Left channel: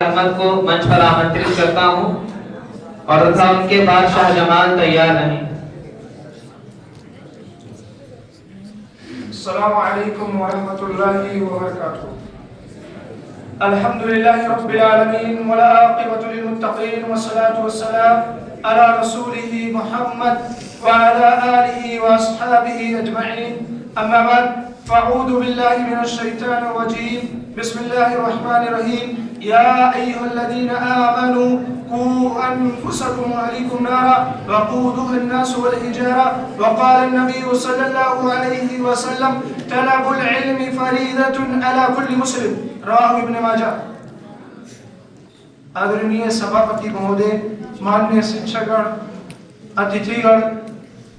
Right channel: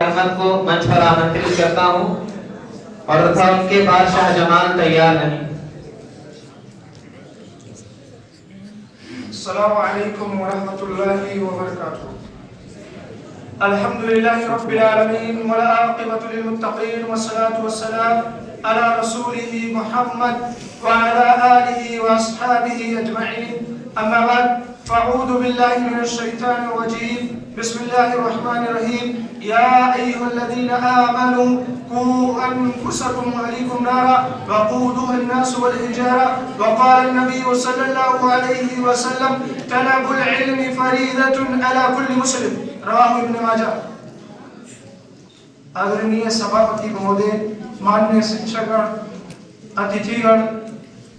अहमद को मंच पर आमंत्रित करता हूं और था उनके बाद शाह जमाल तैयार नहीं। अस्सलामु अलैकुम व रहमतुल्लाहि व बरकातुहू। अल्हम्दुलिल्लाहि रब्बिल आलमीन व ला आक़िबतु लिल मुत्तक़ीन वस्सलातु वस्सलाम अला रसूलिहि मुहम्मद व अला आलिहि व अस्हाबिहि अजमईन। अम्मा बाद फ़अऊज़ु बिल्लाहि मिनश शैतानिर रजीम। बिस्मिल्लाहिर रहमानिर रहीम। या अय्युहल्लज़ीना आमनू कू अनफुसकुम व अहलीकुम नारा वक़ूदुहा अन्नास वल हिजारा वक़ाल अन्नबिय्यु सल्लल्लाहु अलैहि वसल्लम तलबुल इल्मि फरीदतुन अला कुल्लि मुस्लिम। रवाहु इब्न माजा। आदरणीय सभापति महोदय, माननीय शिक्षकगण, अतिथिगण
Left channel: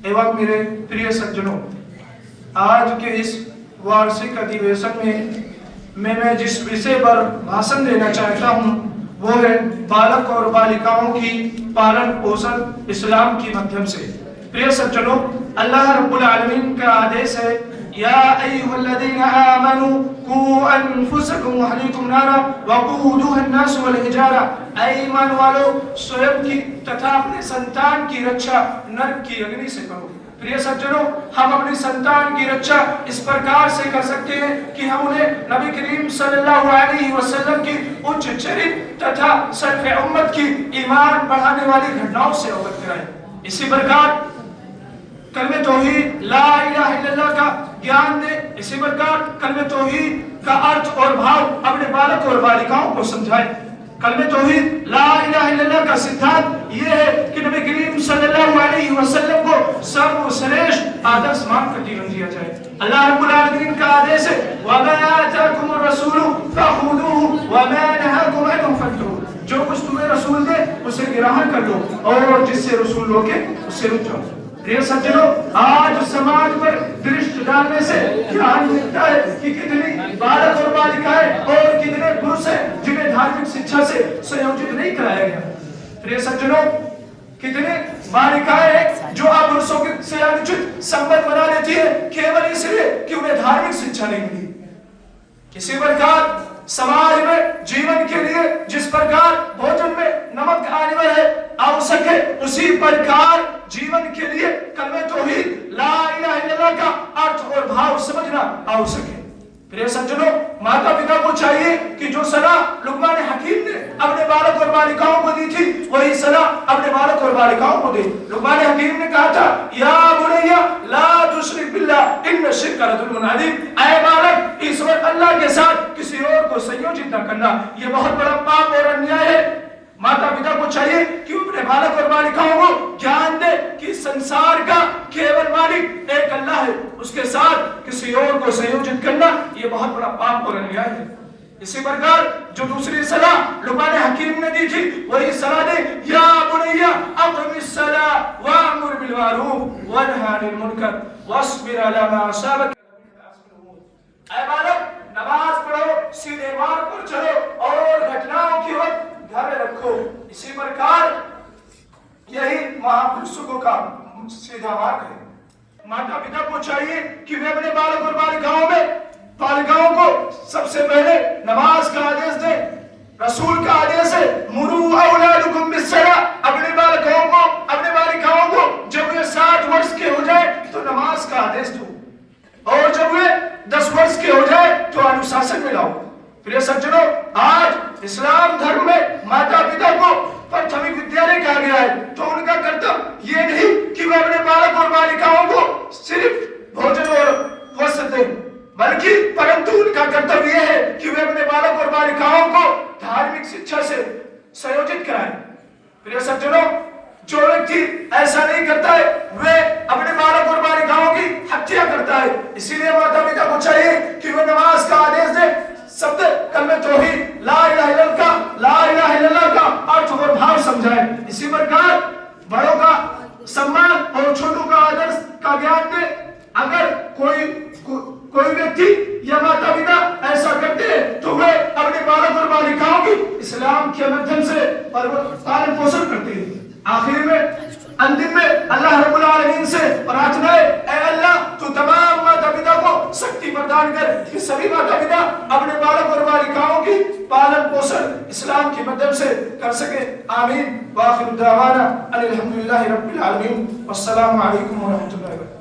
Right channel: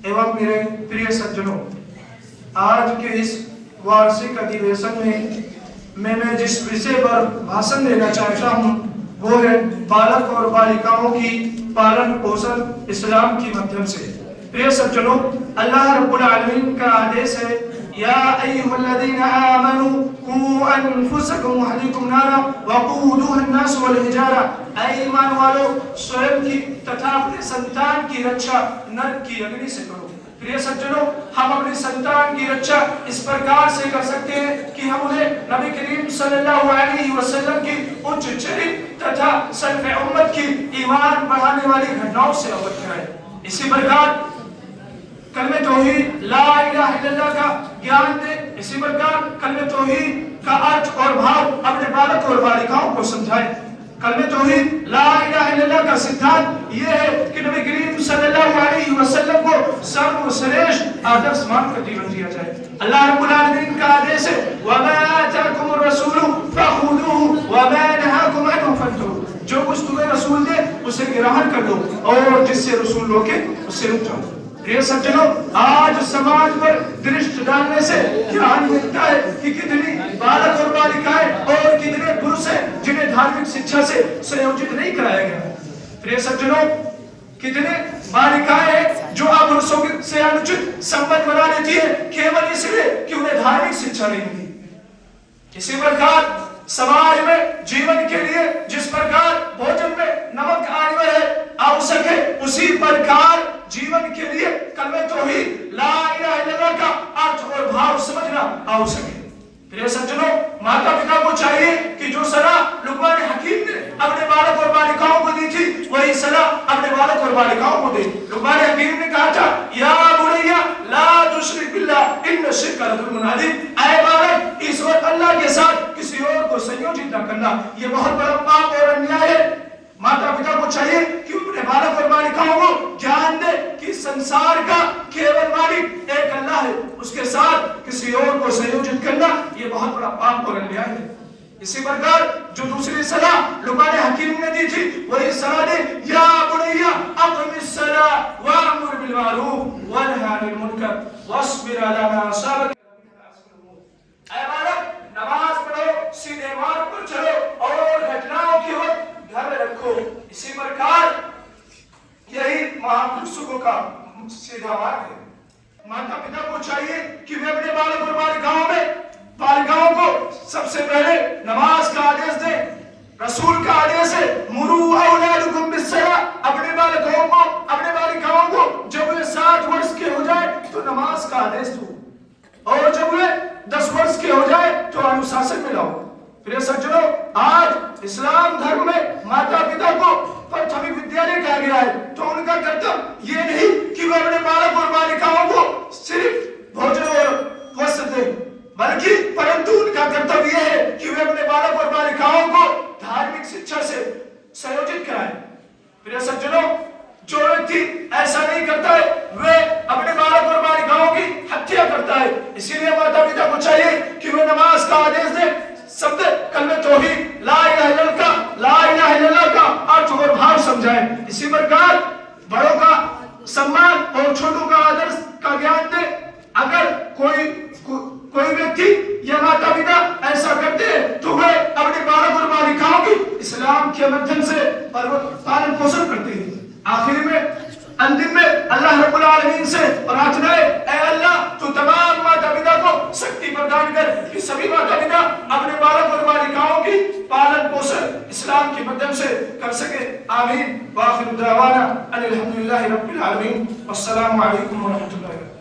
एवं मेरे प्रिय सज्जनों, आज के इस वार्षिक अधिवेशन में मैं जिस विषय पर भाषण देना चाहता हूँ वो है बालक और बालिकाओं की पालन पोषण इस्लाम के माध्यम से। प्रिय सज्जनों, अल्लाह रब्बुल आलमीन का आदेश है, या अय्युहल्लज़ीना आमनू कू अनफुसकुम व अहलीकुम नारा वक़ूदुहा अन्नास वल हिजारा। ऐ ईमान वालों, स्वयं की तथा अपने संतान की रक्षा नरक की अग्नि से करो। प्रिय सज्जनों, हम अपनी संतान की रक्षा इस प्रकार से कर सकते हैं कि हम उन्हें नबी करीम सल्लल्लाहु अलैहि वसल्लम की उच्च चरित्र तथा सल्फ़े उम्मत की ईमान बढ़ाने वाली घटनाओं से अवगत कराएं। इसी प्रकार कलमे तौहीद ला इलाहा इल्लल्लाह का ज्ञान दें। इसी प्रकार कलमे तौहीद का अर्थ और भाव अपने बालक और बालिकाओं को समझाएं। कलमे तौहीद ला इलाहा इल्लल्लाह का सिद्धांत ये है कि नबी करीम सल्लल्लाहु अलैहि वसल्लम को सर्वश्रेष्ठ आदर्श मानकर जीवन जिया जाए। अल्लाह रब्बुल आलमीन का आदेश है, वमा आताकुमुर रसूलु फखुदूहु वमा नहाकुम अन्हु फंतहू। जो कुछ तुम्हें रसूल दे उसे ग्रहण कर लो और जिससे रसूल रोके उससे रुक जाओ। प्रिय सज्जनों, आज समाज पर दृष्टि डालने से ध्यान मिलता है कि कितनी बालक और बालिकाएं और कितने पुरुष हैं जिन्हें धार्मिक शिक्षा से संयोजित नहीं कराया गया। प्रिय सज्जनों, कितने बालिकाएं हैं जो अब पुरुषों से अनुचित संबंध बना लेती है केवल इसलिए कि उन्हें धार्मिक शिक्षा नहीं मिली। इसी प्रकार समाज में जीवन के लिए जिस प्रकार भोजन में नमक अनिवार्य है, आवश्यक है, उसी प्रकार जीवन के लिए कलमे तौहीद ला इलाहा इल्लल्लाह का अर्थ और भाव समझना आवश्यक है। प्रिय सज्जनों, माता पिता को चाहिए कि जो सलाह लुक़मान हकीम ने अपने बालक और बालिकाओं को दी थी वही सलाह अपने बालक और बालिकाओं को दे। लुक़मान हकीम ने कहा था, या बुनैया ला तुश्रिक बिल्लाह इन्न शिर्क लज़ुल्मुन अज़ीम। ऐ बालक, ईश्वर अल्लाह के साथ किसी और को संयोजित न करना, ये बहुत बड़ा पाप और अन्याय है। माता पिता को चाहिए कि अपने बालक और बालिकाओं को ज्ञान दे कि संसार का केवल मालिक एक अल्लाह है, उसके साथ किसी और को संयोजित करना ये बहुत बड़ा पाप और अन्याय है। इसी प्रकार जो दूसरी सलाह लुक़मान हकीम ने दी थी वही सलाह दे, या बुनैया अक़िमिस सलाह वअमुर बिल मारूफ वन्हा अनिल मुनकर वस्बिर अला मा असाबक। ऐ बालक, नमाज पढ़ो, सीधे मार्ग पर चलो और घटनाओं के वक्त घर रखो। इसी प्रकार यही महापुरुषों का सीधा मार्ग है। माता पिता को चाहिए कि वे अपने बालक और बालिकाओं को सबसे पहले नमाज का आदेश दें। रसूल का आदेश है, मुरू औलादकुम बिस्सलाह। अपने बालकों को, अपने बालिकाओं को जब वे 7 वर्ष के हो जाए तो नमाज का आदेश दो और जब वे 10 वर्ष के हो जाए तो अनुशासन में लाओ। प्रिय सज्जनों, आज इस्लाम धर्म में माता पिता को प्राथमिक विद्यालय कहा गया है, तो उनका कर्तव्य ये नहीं कि वे अपने बालक और बालिकाओं को सिर्फ भोजन और वस्त्र दें, बल्कि परंतु उनका कर्तव्य यह है कि वे अपने बालक और बालिकाओं को धार्मिक शिक्षा से संयोजित कराएं। प्रिय सज्जनों, जो व्यक्ति ऐसा नहीं करता है वे अपने बालक और बालिकाओं की हत्या करता है। इसीलिए माता पिता को चाहिए कि वे नमाज का आदेश दें। शब्द कलमे तौहीद ला इलाहा इल्लल्लाह का अर्थ और भाव समझाएं। इसी प्रकार बड़ों का सम्मान और छोटों का आदर का ज्ञान दे। अगर कोई व्यक्ति या माता पिता ऐसा करते हैं तो वे अपने बालक और बालिकाओं की इस्लाम के माध्यम से पालन पोषण करते हैं। आखिर में, अंतिम में अल्लाह रब्बुल आलमीन से प्रार्थना है, ऐ अल्लाह, तू तमाम माता पिता को शक्ति प्रदान कर कि सभी माता पिता अपने बालक और बालिकाओं की पालन पोषण इस्लाम के माध्यम से कर सके। आमीन। वाखिर दावाना अनिल हम्दुलिल्लाहि रब्बिल आलमीन। अस्सलामु अलैकुम व रहमतुल्लाहि व बरकातुहू।